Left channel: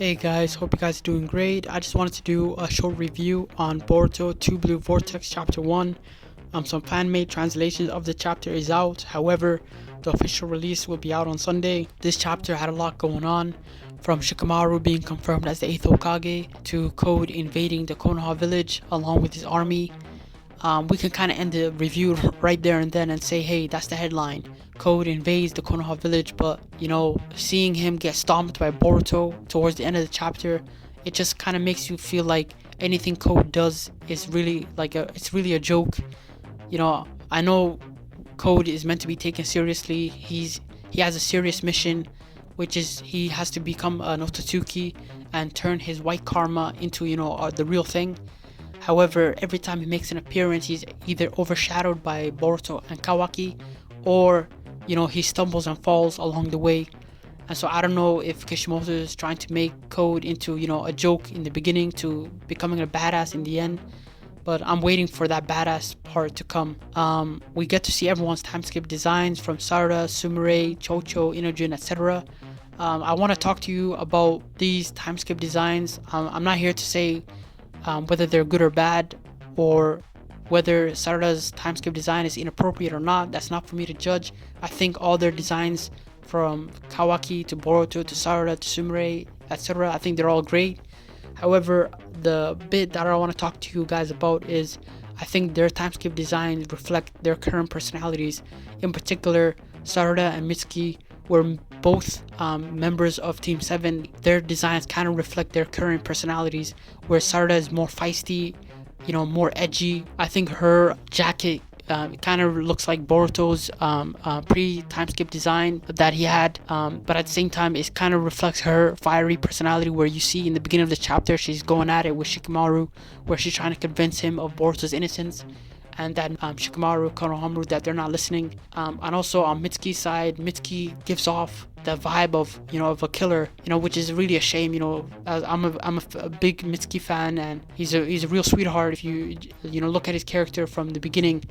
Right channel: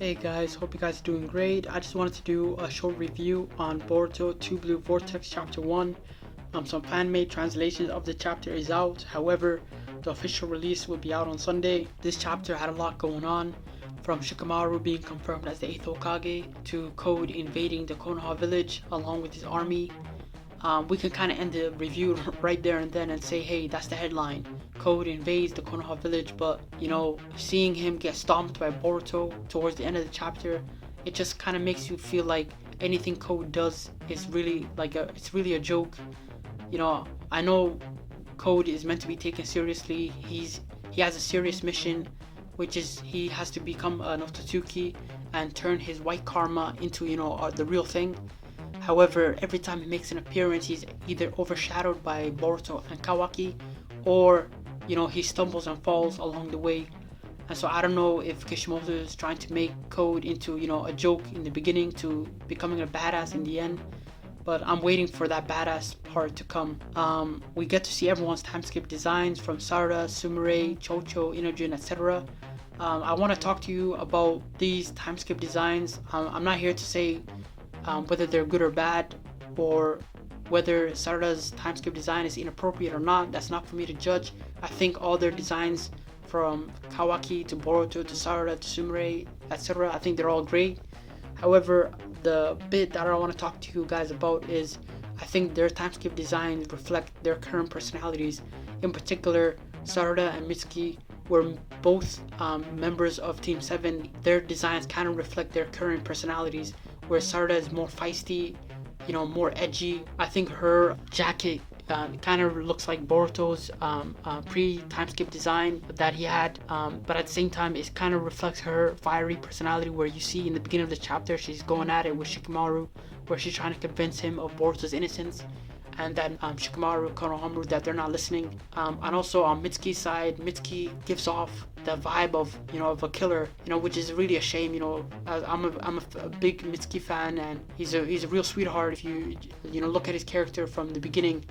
Hey guys, hope you guys are doing great. I just wanted to do a short review on Boruto Two Blue Vortex Chapter 1. Some fan-made translations of the chapter is out. However, the official release will be out on Sunday. This chapter had a lot going on, from Shikamaru being confirmed as the 8th Hokage to Code invading the Konoha village along with his army. We can kind of end the review right there and then and say, hey, that's the headline. Code invades the Konoha village, but seeing him get stomped by Boruto towards the end of the chapter, it just kind of makes you feel like anything Code does is really it's really a joke. I know Code is meant to be taken seriously. He has a serious mission, which is he has to become an Otsutsuki and turn his white karma into the real thing. However, every time he makes an appearance, he's either overshadowed by Boruto and Kawaki, or he stumbles and falls along the way. And so I don't know if Kishimoto is trying to make Code into a joke in the beginning to becoming a badass in the end. But I'm waiting for that badass part to come. We get to see everyone's time skip designs from Sarada, Sumire, Chocho, Inojin, etc. I want to talk to you about these time skip designs. I'm not here to say whether they're good or bad, or whether Sarada's time skip design is inappropriate or not. That's not for me to judge. I think all their designs, from Kawaki to Boruto to Sarada to Sumire, etc., I think they're all great. However, the bit that I want to talk to you guys about is I think their time skip designs reflect their current personalities. In particular, Sarada and Mitsuki were both members of Team 7. Their designs kind of reflect their current personalities, where Sarada is more feisty, more edgy. I think her jacket kind of looks like Boruto's pre-time skip design that he had, but at the same time it kind of reflects her fiery personality, where you see in the beginning of the chapter she's going at it with Shikamaru, where she's trying to convince him of Boruto's innocence, and that Shikamaru, Konoha, that they're not listening. And also on Mitsuki's side, Mitsuki gives off the vibe of a killer, which is really a shame. I'm a big Mitsuki fan, and he's a real sweetheart if you look at his character from the beginning.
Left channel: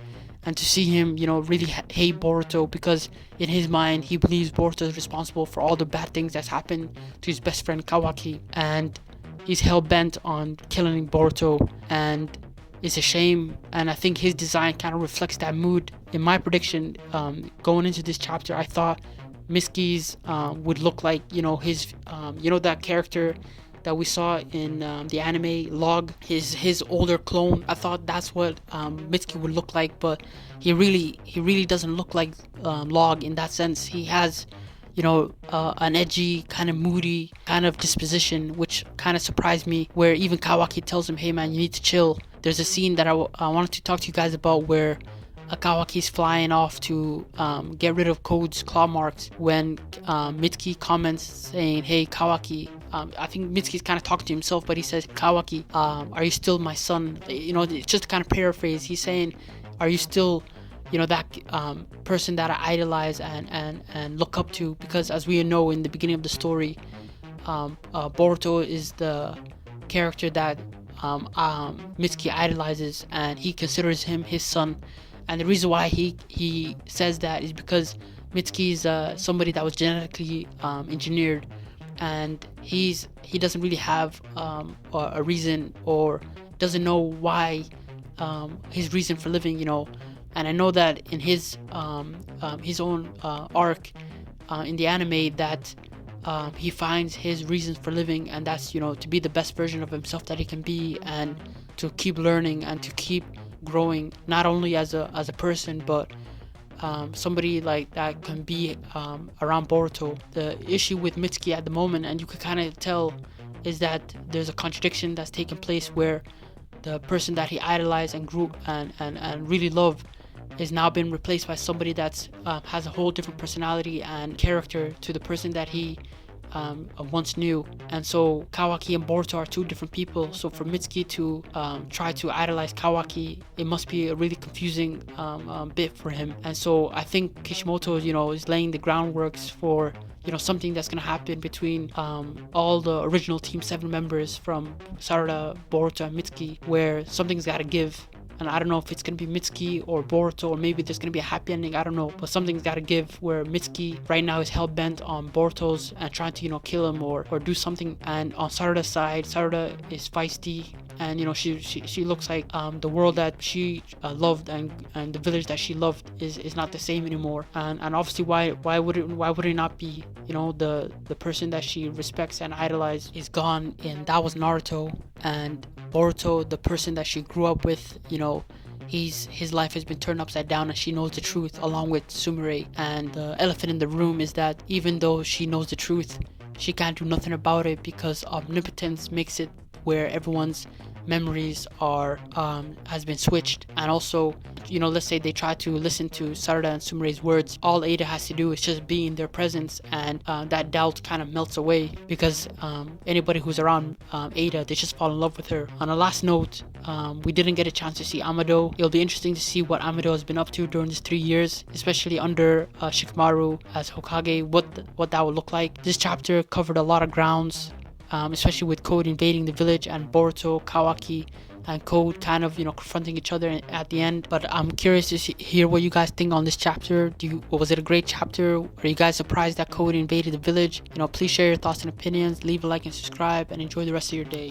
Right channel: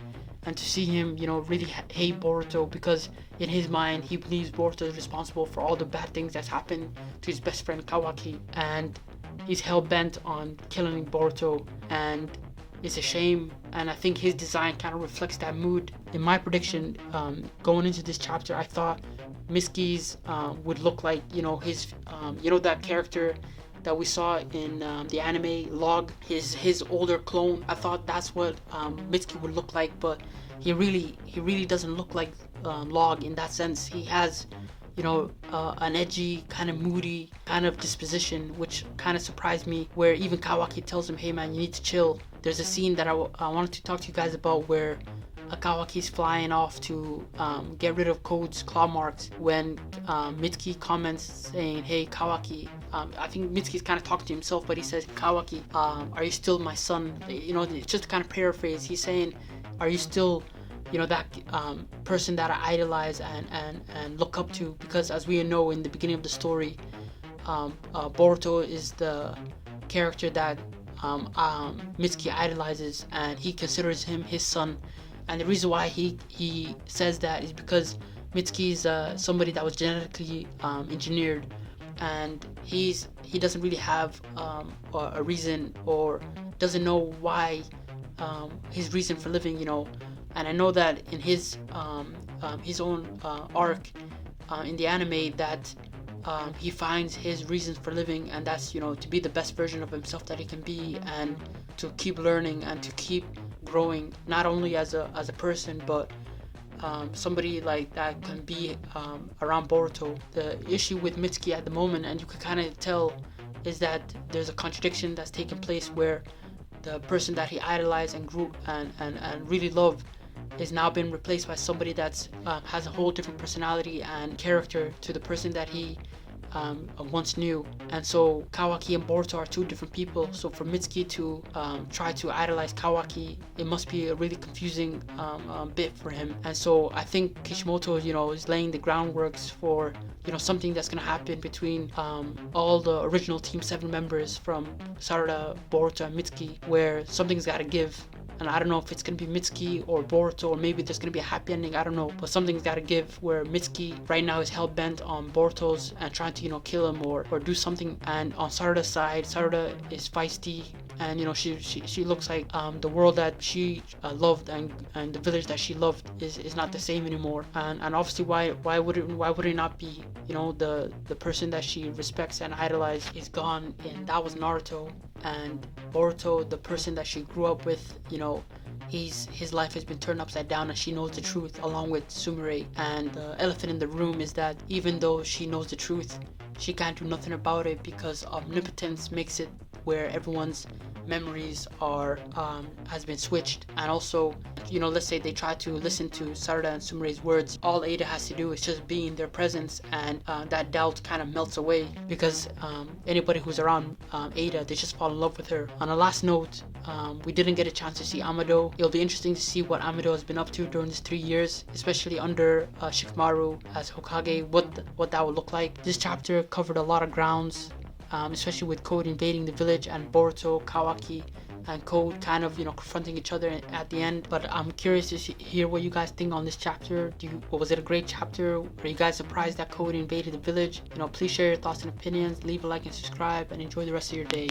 And to see him, really hate Boruto, because in his mind he believes Boruto is responsible for all the bad things that's happened to his best friend Kawaki, and he's hell-bent on killing Boruto, and it's a shame. And I think his design kind of reflects that mood. In my prediction, going into this chapter, I thought Mitsuki's would look like his that character that we saw in the anime Log, his older clone. I thought that's what Mitsuki would look like, but he really doesn't look like Log in that sense. He has an edgy, kind of moody kind of disposition, which kind of surprised me, where even Kawaki tells him, hey man, you need to chill. There's a scene that I wanted to talk to you guys about, where Kawaki's flying off to get rid of Code's claw marks, when Mitsuki comments saying, hey Kawaki, I think Mitsuki's kind of talking to himself, but he says, Kawaki, are you still my son? Just to kind of paraphrase, he's saying, are you still that person that I idolize and look up to? Because as we know, in the beginning of the story, Boruto is the character that Mitsuki idolizes, and he considers him his son. And the reason why he says that is because Mitsuki is somebody that was genetically engineered, and he doesn't really have a reason, or doesn't know why, his reason for living. And I know that in his own arc in the anime, that he finds his reasons for living, and that's to be the best version of himself that he can be, and to keep learning and to keep growing, not only as a person, but somebody like that can be around Boruto. The issue with Mitsuki at the moment, and you can kind of tell, is that there's a contradiction that's taking place, where the person that he idolized and grew and really loved is now been replaced by somebody that's has a whole different personality and character to the person that he once knew. And so Kawaki and Boruto are two different people. So for Mitsuki to try to idolize Kawaki, it must be a really confusing bit for him. And so I think Kishimoto is laying the groundworks for something that's going to happen between all the original Team 7 members, from Sarada, Boruto, and Mitsuki, where something's got to give. and I don't know if it's gonna be Mitsuki or Boruto, or maybe there's gonna be a happy ending. I don't know, but something's gotta give. Where Mitsuki right now is hell bent on Boruto's and trying to kill him or do something, and on Sarada's side, Sarada is feisty, and she looks like the world that she loved and the village that she loved is not the same anymore, and obviously why would it not be? The person that she respects and idolized is gone, and that was Naruto. And Boruto, the person that she grew up with, his life has been turned upside down, and she knows the truth along with Sumire. And the elephant in the room is that even though she knows the truth, she can't do nothing about it because omnipotence makes it where everyone's memories are has been switched. And also, let's say they try to listen to Sarada and Sumire's words, all Ada has to do is just be in their presence, and that doubt kind of melts away because anybody who's around Ada, they just fall in love with her. On a last note, we didn't get a chance to see Amado. It'll be interesting to see what Amado has been up to during these 3 years, especially under Shikamaru as Hokage, what that would look like. This chapter covered a lot of grounds, especially with Code invading the village and Boruto, Kawaki, and Code kind of confronting each other at the end. But I'm curious to hear what you guys think on this chapter. Was it a great chapter? Are you guys surprised that Code invaded the village? Please share your thoughts and opinions, leave a like and subscribe, and enjoy the rest of your day.